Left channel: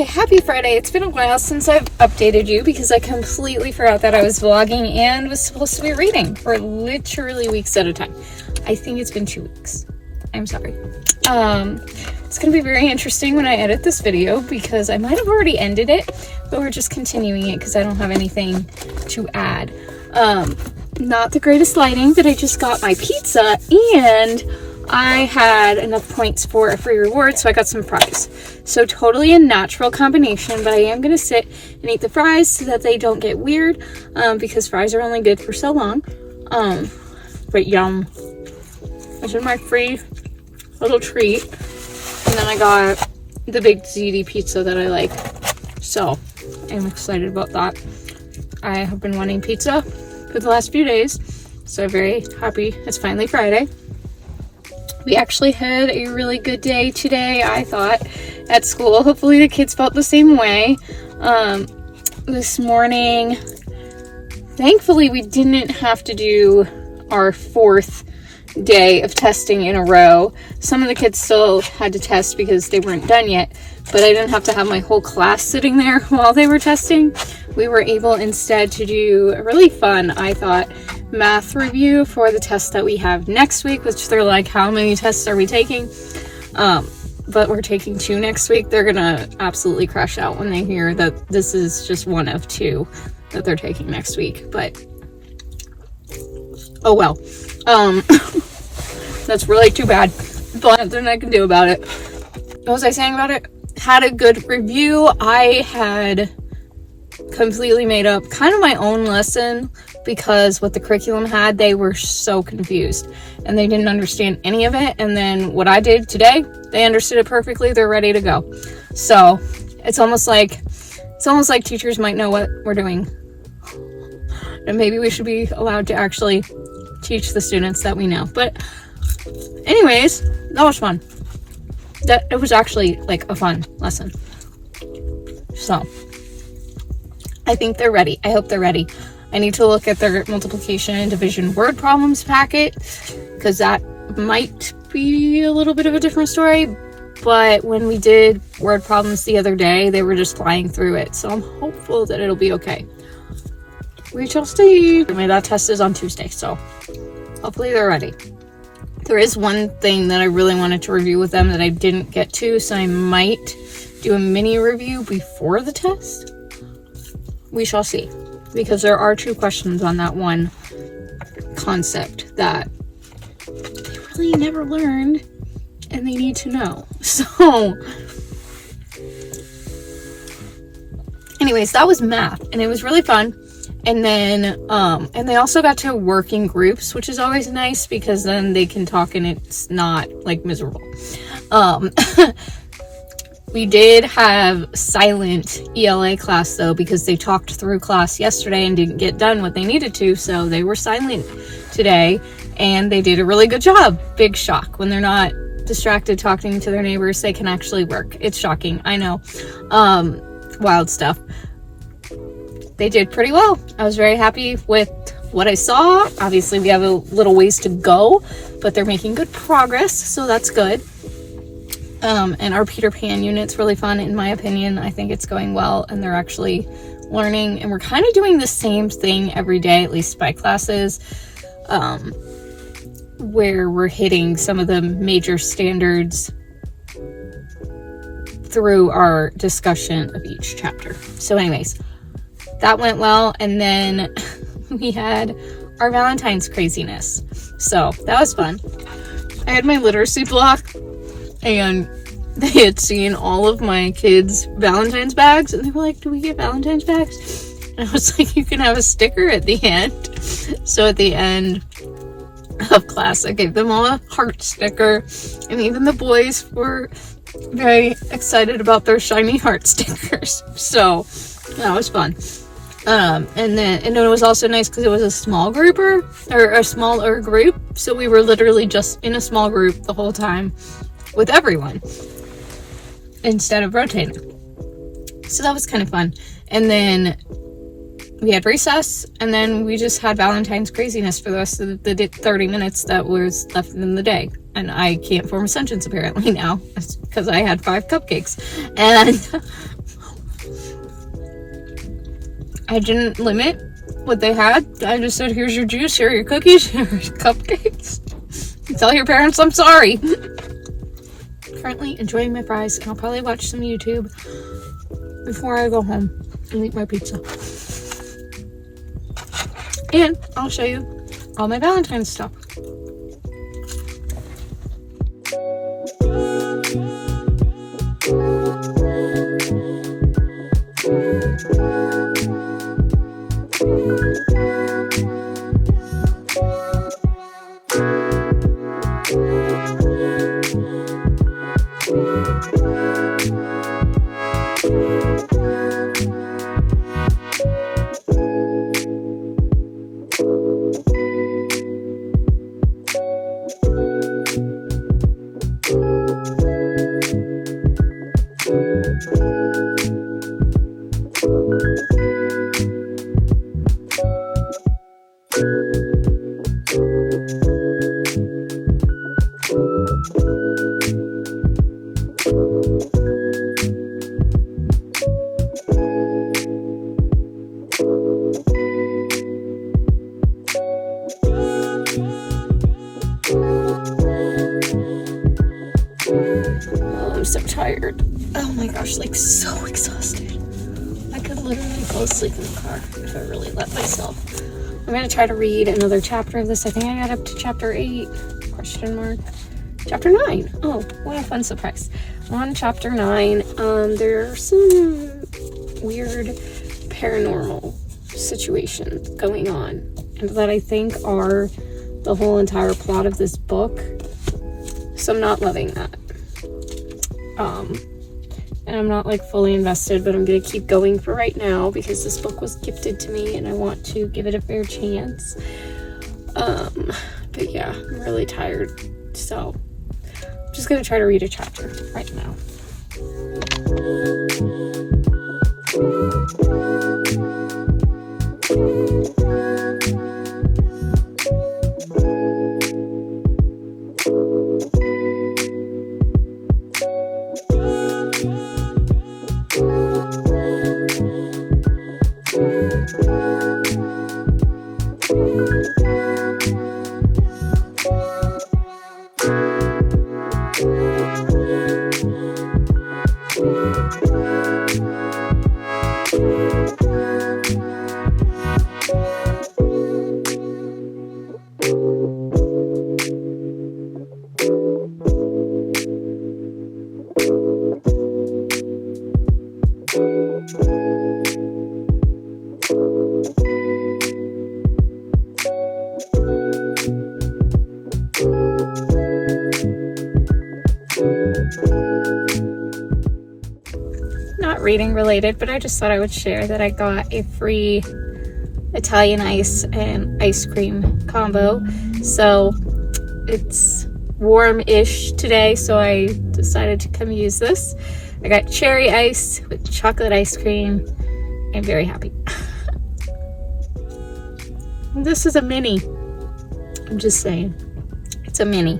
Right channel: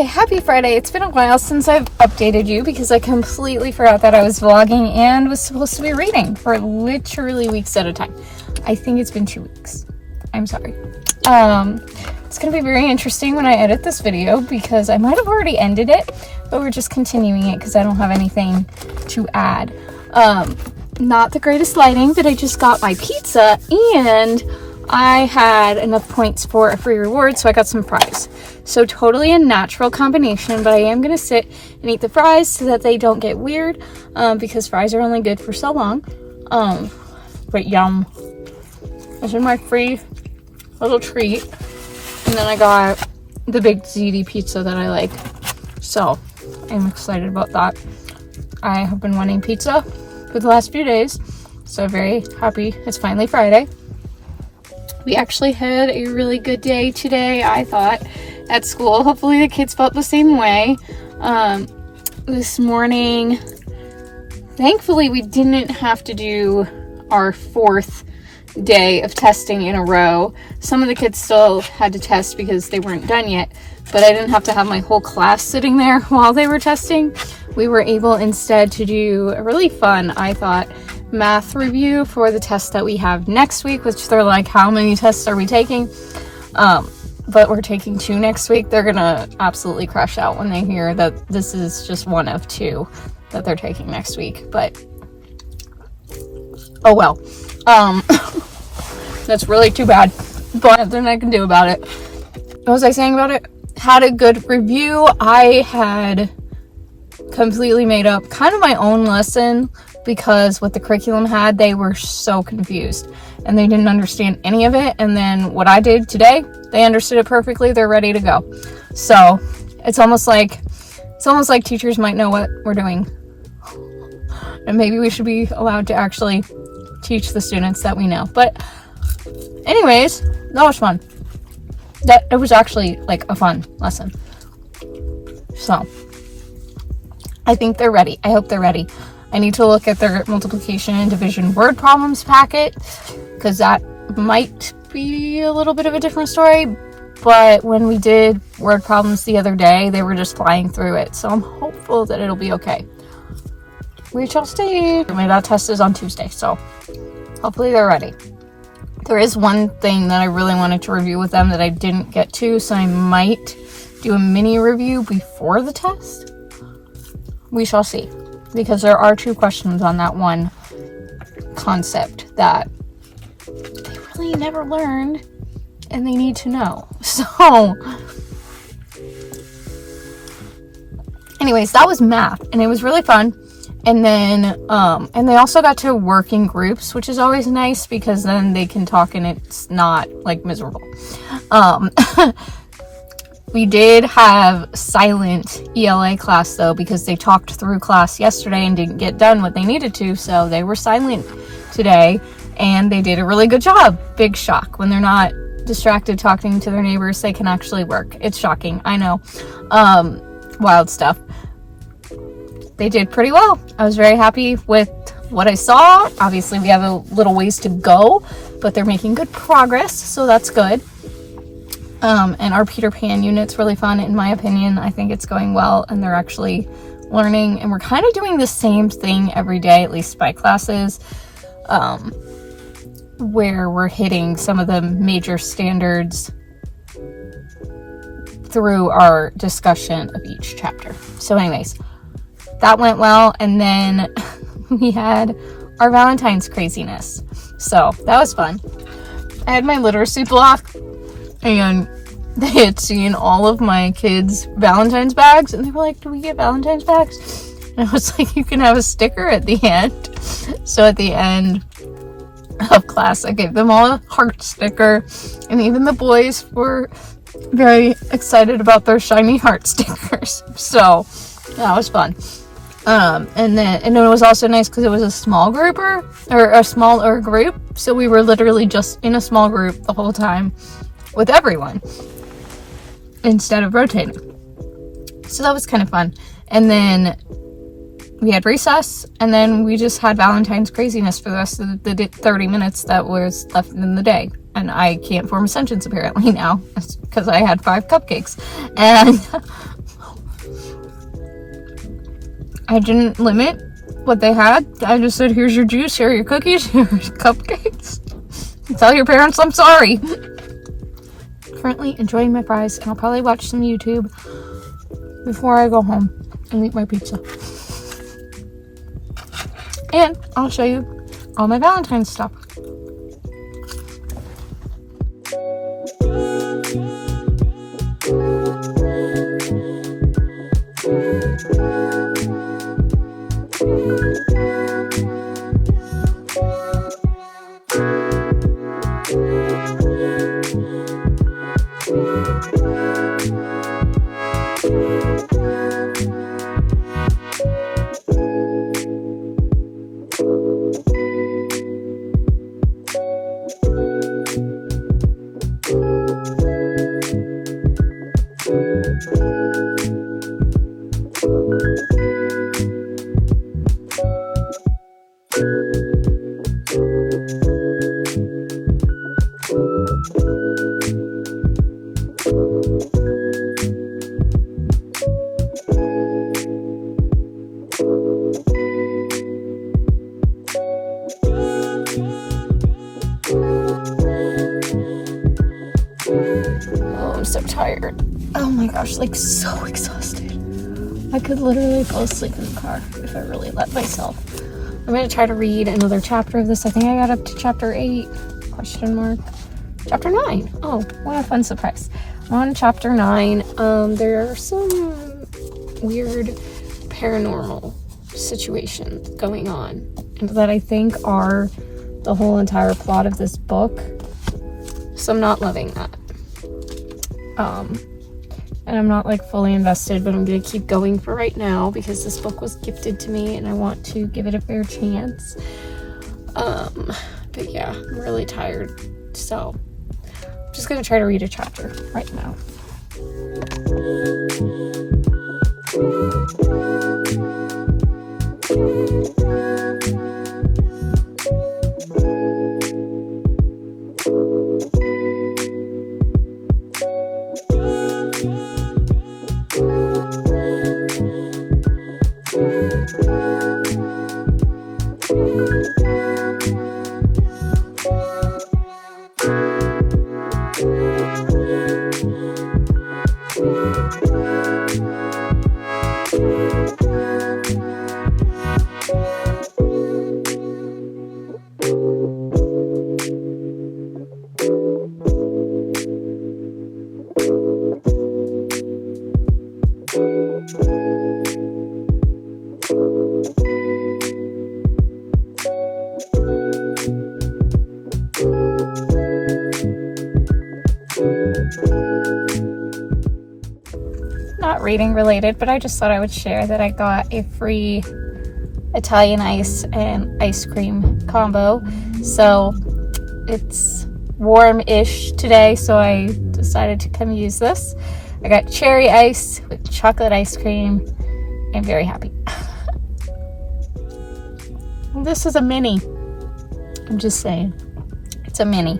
Okay, happy Friday. It's been a while since I've updated you because I completely forgot that I was vlogging and was supposed to be reading for literally weeks at a time. I think it's been 2 weeks. I'm sorry. It's gonna be very interesting when I edit this video because I might have already ended it, but we're just continuing it because I don't have anything to add. Not the greatest lighting, but I just got my pizza and I had enough points for a free reward, so I got some fries. So totally a natural combination, but I am gonna sit and eat the fries so that they don't get weird, because fries are only good for so long. But yum. This is my free little treat. And then I got the big ziti pizza that I like. So I'm excited about that. I have been wanting pizza for the last few days, so I'm very happy it's finally Friday. We actually had a really good day today, I thought, at school. Hopefully the kids felt the same way. This morning, thankfully we didn't have to do our 4th day of testing in a row. Some of the kids still had to test because they weren't done yet, but I didn't have to have my whole class sitting there while they were testing. We were able instead to do a really fun, I thought, math review for the test that we have next week, which they're like, how many tests are we taking? But we're taking 2 next week. They're gonna absolutely crash out when they hear that this is just one of 2 that they're taking next week, but oh well. That's really too bad, but nothing I can do about it. What was I saying about it? Had a good review. I had completely made up kind of my own lesson because what the curriculum had, they were so confused and they didn't understand any of it. And then what I did today, they understood it perfectly. They're ready to go. So it's almost like teachers might know what we're doing, and maybe we should be allowed to actually teach the students that we know. But anyways, that was fun. It was actually like a fun lesson. So I think they're ready. I hope they're ready. I need to look at their multiplication and division word problems packet because that might be a little bit of a different story. But when we did word problems the other day, they were just flying through it. So I'm hopeful that it'll be okay. We shall see. That test is on Tuesday, so hopefully they're ready. There is one thing that I really wanted to review with them that I didn't get to, so I might do a mini review before the test. We shall see, because there are 2 questions on that one concept that they really never learned and they need to know. So anyways, that was math and it was really fun. And then and they also got to work in groups, which is always nice because then they can talk and it's not like miserable. We did have silent ELA class though, because they talked through class yesterday and didn't get done what they needed to, so they were silent today and they did a really good job. Big shock. When they're not distracted talking to their neighbors, they can actually work. It's shocking, I know. Wild stuff. They did pretty well. I was very happy with what I saw. Obviously we have a little ways to go, but they're making good progress, so that's good. And our Peter Pan unit's really fun, in my opinion. I think it's going well and they're actually learning, and we're kind of doing the same thing every day, at least by classes, where we're hitting some of the major standards through our discussion of each chapter. So anyways, that went well. And then we had our Valentine's craziness, so that was fun. I had my literacy block and they had seen all of my kids' Valentine's bags and they were like, do we get Valentine's bags? And I was like, you can have a sticker at the end. So at the end of class, I gave them all a heart sticker, and even the boys were very excited about their shiny heart stickers. So that was fun. And it was also nice because it was a small grouper, or a smaller group. So we were literally just in a small group the whole time with everyone instead of rotating. So that was kind of fun. And then we had recess, and then we just had Valentine's craziness for the rest of the 30 minutes that was left in the day. And I can't form a sentence apparently now because I had 5 cupcakes. And I didn't limit what they had. I just said, here's your juice, here are your cookies, here's your cupcakes. Tell your parents I'm sorry. Currently enjoying my fries, and I'll probably watch some YouTube before I go home and eat my pizza. And I'll show you all my Valentine's stuff. I'm so tired. Oh my gosh, like so exhausted. I could literally fall asleep in the car if I really let myself. I'm gonna try to read another chapter of this. I think I got up to chapter 8, question mark. Chapter 9. Oh, what a fun surprise. I'm on chapter 9. There are some weird paranormal situations going on, and that I think are the whole entire plot of this book. So I'm not loving that. And I'm not like fully invested, but I'm gonna keep going for right now because this book was gifted to me and I want to give it a fair chance. But yeah, I'm really tired, so I'm just gonna try to read a chapter right now. Not reading related, but I just thought I would share that I got a free Italian ice and ice cream combo. So it's warm-ish today, so I decided to come use this. I got cherry ice with chocolate ice cream. I'm very happy. This is a mini. I'm just saying. It's a mini.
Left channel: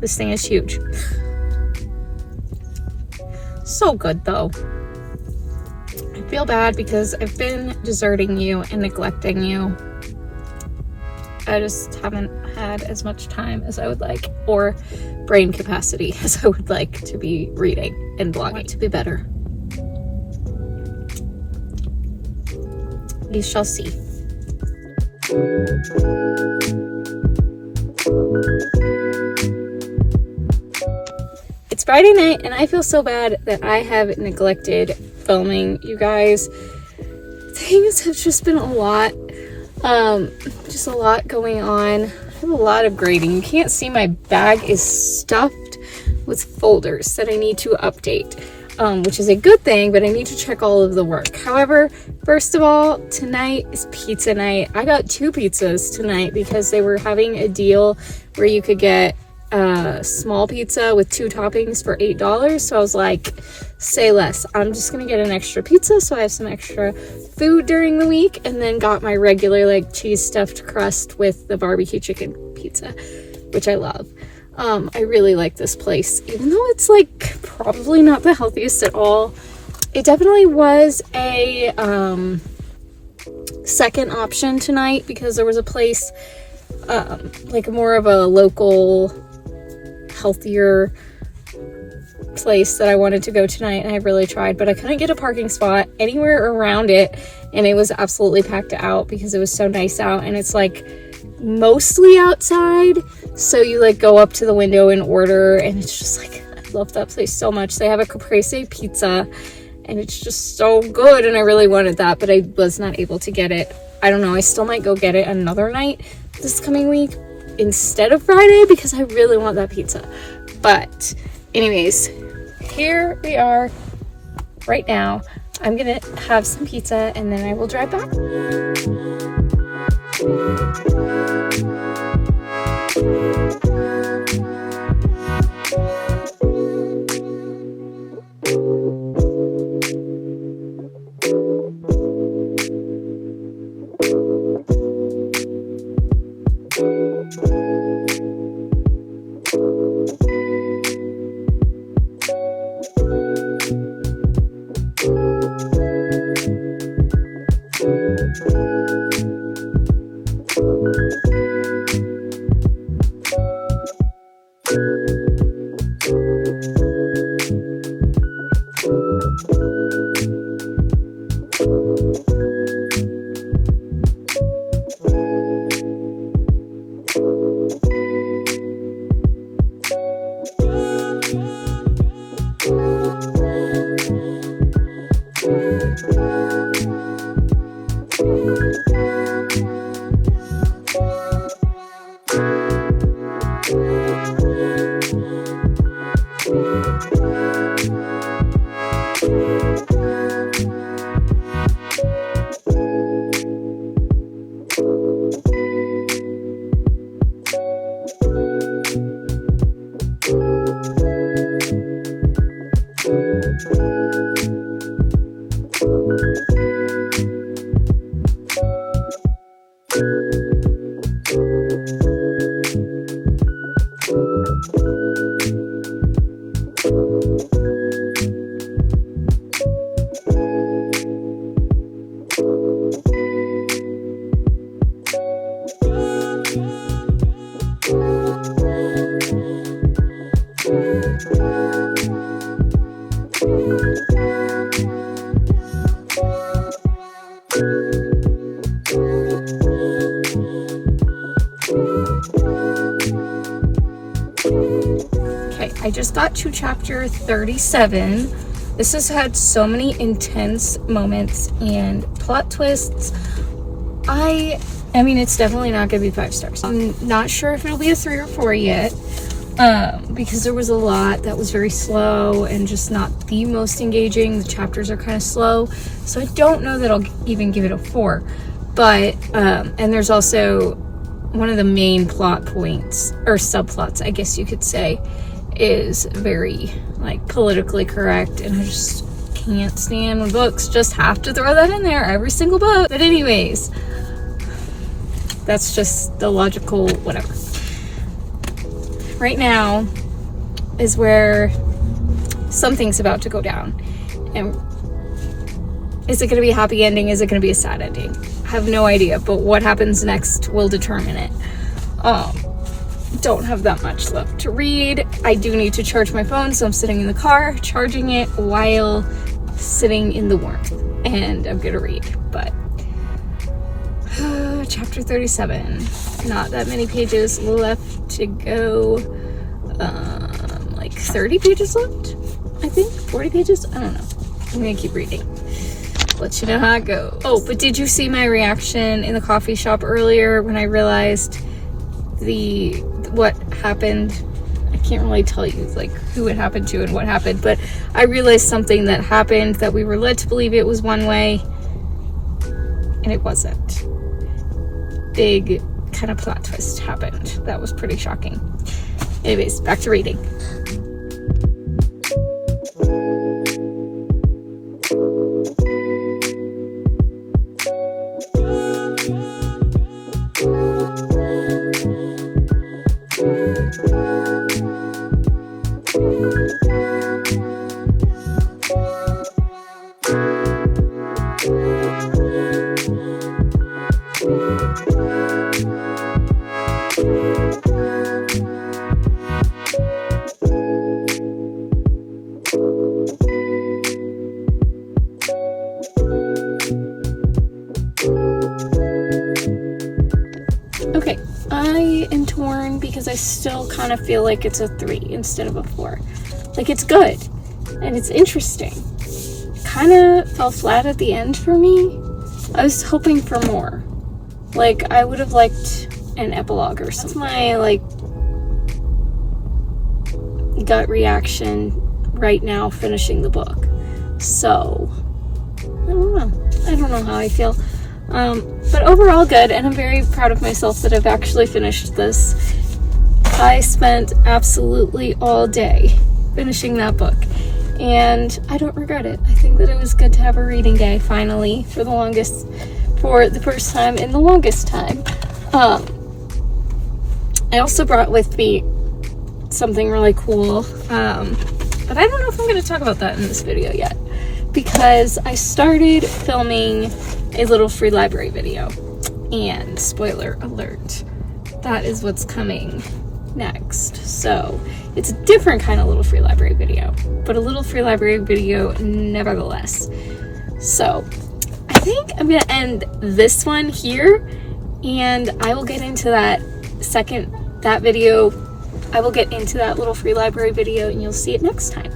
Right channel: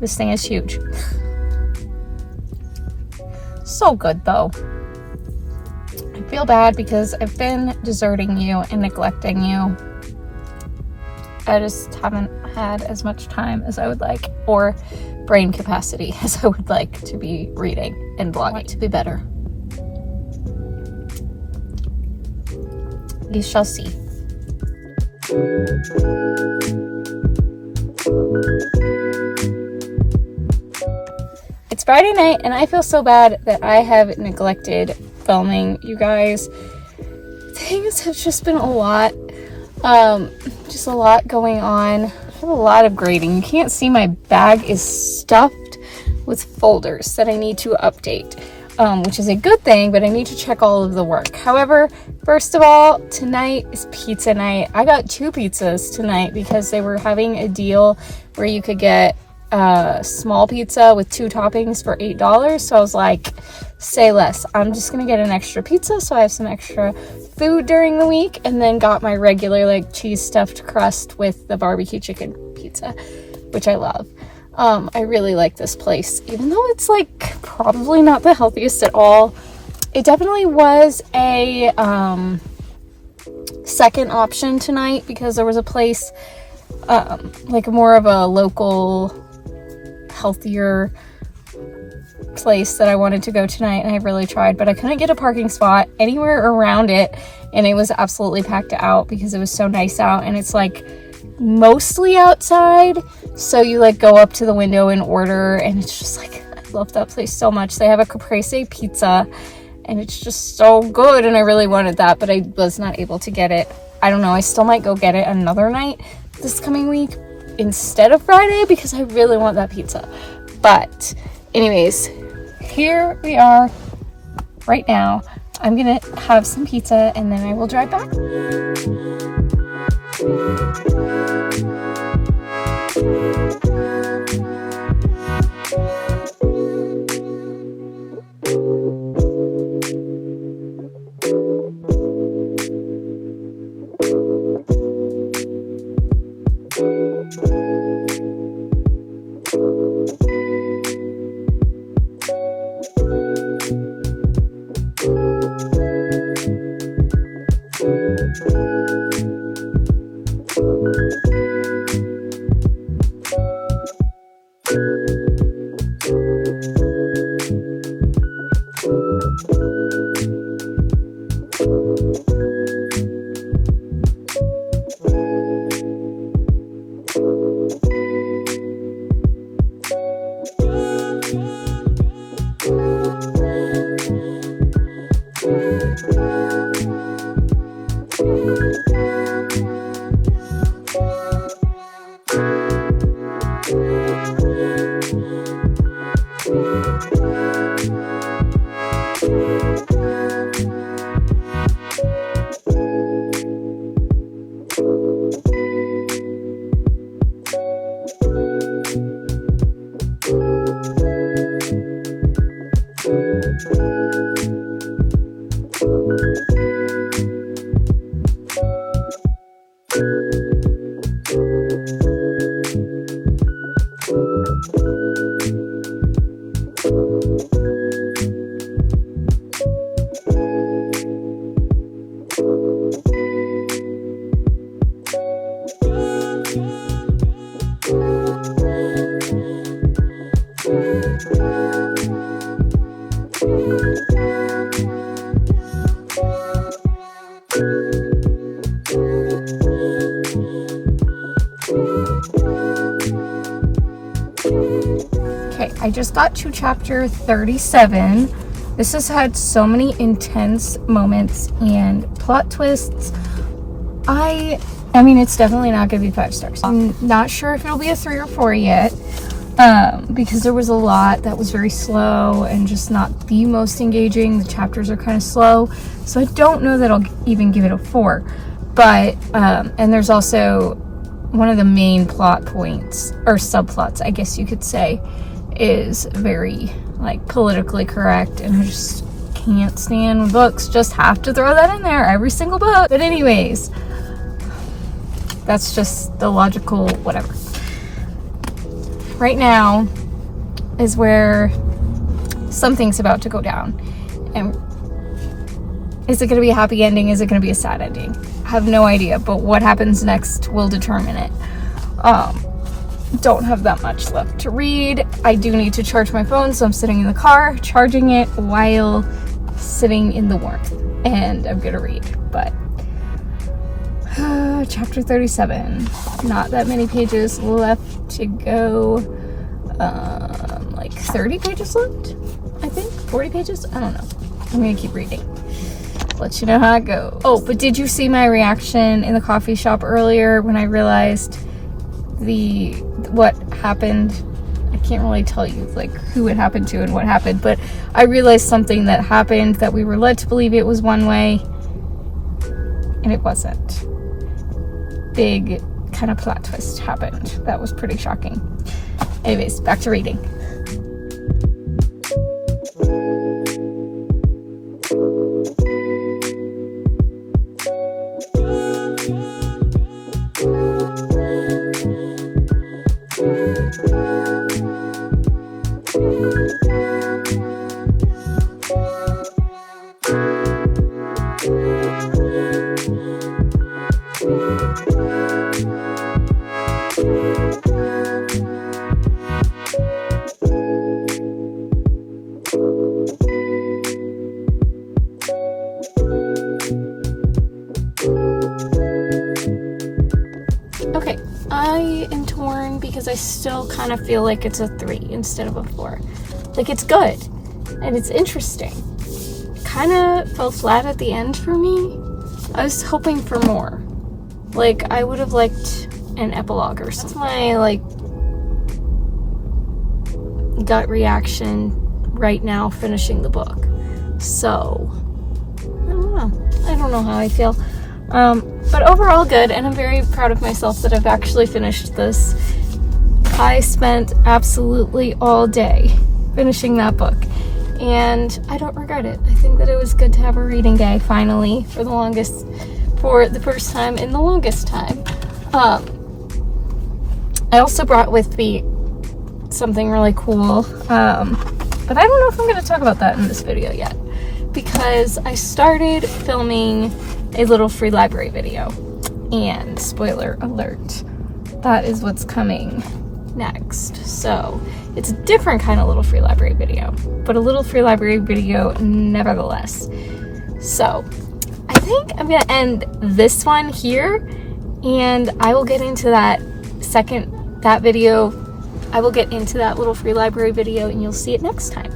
This thing is huge. So good though. I feel bad because I've been deserting you and neglecting you. I just haven't had as much time as I would like, or brain capacity as I would like to be reading and blogging. I want to be better. We shall see. It's Friday night and I feel so bad that I have neglected filming, you guys. Things have just been a lot. Just a lot going on. I have a lot of grading. You can't see my bag is stuffed with folders that I need to update, which is a good thing, but I need to check all of the work. However, first of all, tonight is pizza night. I got 2 pizzas tonight because they were having a deal where you could get a small pizza with 2 toppings for $8. So I was like, say less. I'm just gonna get an extra pizza so I have some extra food during the week, and then got my regular like cheese stuffed crust with the barbecue chicken pizza, which I love. I really like this place, even though it's like probably not the healthiest at all. it definitely was a second option tonight because there was a place, like more of a local, healthier place that I wanted to go tonight, and I really tried, but I couldn't get a parking spot anywhere around it, and it was absolutely packed out because it was so nice out, and it's like mostly outside, so you like go up to the window and order, and it's just like, I love that place so much. They have a caprese pizza and it's just so good, and I really wanted that, but I was not able to get it. I don't know, I still might go get it another night this coming week instead of Friday because I really want that pizza. But anyways, here we are right now. I'm gonna have some pizza and then I will drive back. I just got to chapter 37. This has had so many intense moments and plot twists. I mean, it's definitely not going to be 5 stars. I'm not sure if it'll be a 3 or 4 yet, because there was a lot that was very slow and just not the most engaging. The chapters are kind of slow, so I don't know that I'll even give it a 4. But, and there's also one of the main plot points, or subplots, I guess you could say, is very like politically correct, and I just can't stand when books just have to throw that in there every single book. But anyways, that's just the logical whatever. Right now is where something's about to go down, and is it going to be a happy ending? Is it going to be a sad ending? I have no idea, but what happens next will determine it. Don't have that much left to read. I do need to charge my phone, so I'm sitting in the car charging it while sitting in the warmth, and I'm gonna read. But chapter 37, not that many pages left to go. Like 30 pages left, I think. 40 pages, I don't know. I'm gonna keep reading, let you know how it goes. Oh, but did you see my reaction in the coffee shop earlier when I realized what happened? I can't really tell you like who it happened to and what happened, but I realized something that happened that we were led to believe it was one way, and it wasn't. Big kind of plot twist happened. That was pretty shocking. Anyways, back to reading. still kind of feel like it's a 3 instead of a 4. Like, it's good and it's interesting. Kind of fell flat at the end for me. I was hoping for more. Like, I would have liked an epilogue or something. That's my, like, gut reaction right now finishing the book. So, I don't know how I feel. But overall good, and I'm very proud of myself that I've actually finished this. I spent absolutely all day finishing that book, and I don't regret it. I think that it was good to have a reading day finally for the first time in the longest time. I also brought with me something really cool, but I don't know if I'm going to talk about that in this video yet, because I started filming a little free library video, and spoiler alert, that is what's coming next. So it's a different kind of little free library video, but a little free library video nevertheless. So I think I'm gonna end this one here, and I will get into that I will get into that little free library video, and you'll see it next time.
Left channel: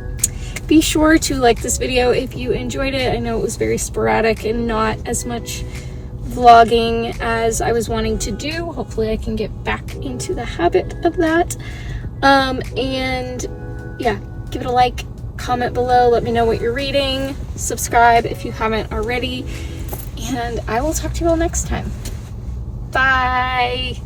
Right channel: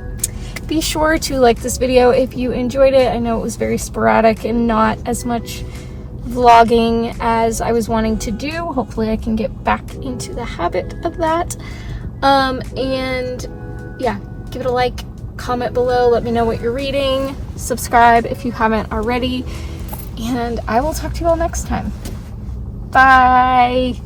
Be sure to like this video if you enjoyed it. I know it was very sporadic and not as much vlogging as I was wanting to do. Hopefully I can get back into the habit of that. And yeah, give it a like, comment below, let me know what you're reading, subscribe if you haven't already, and I will talk to you all next time. Bye!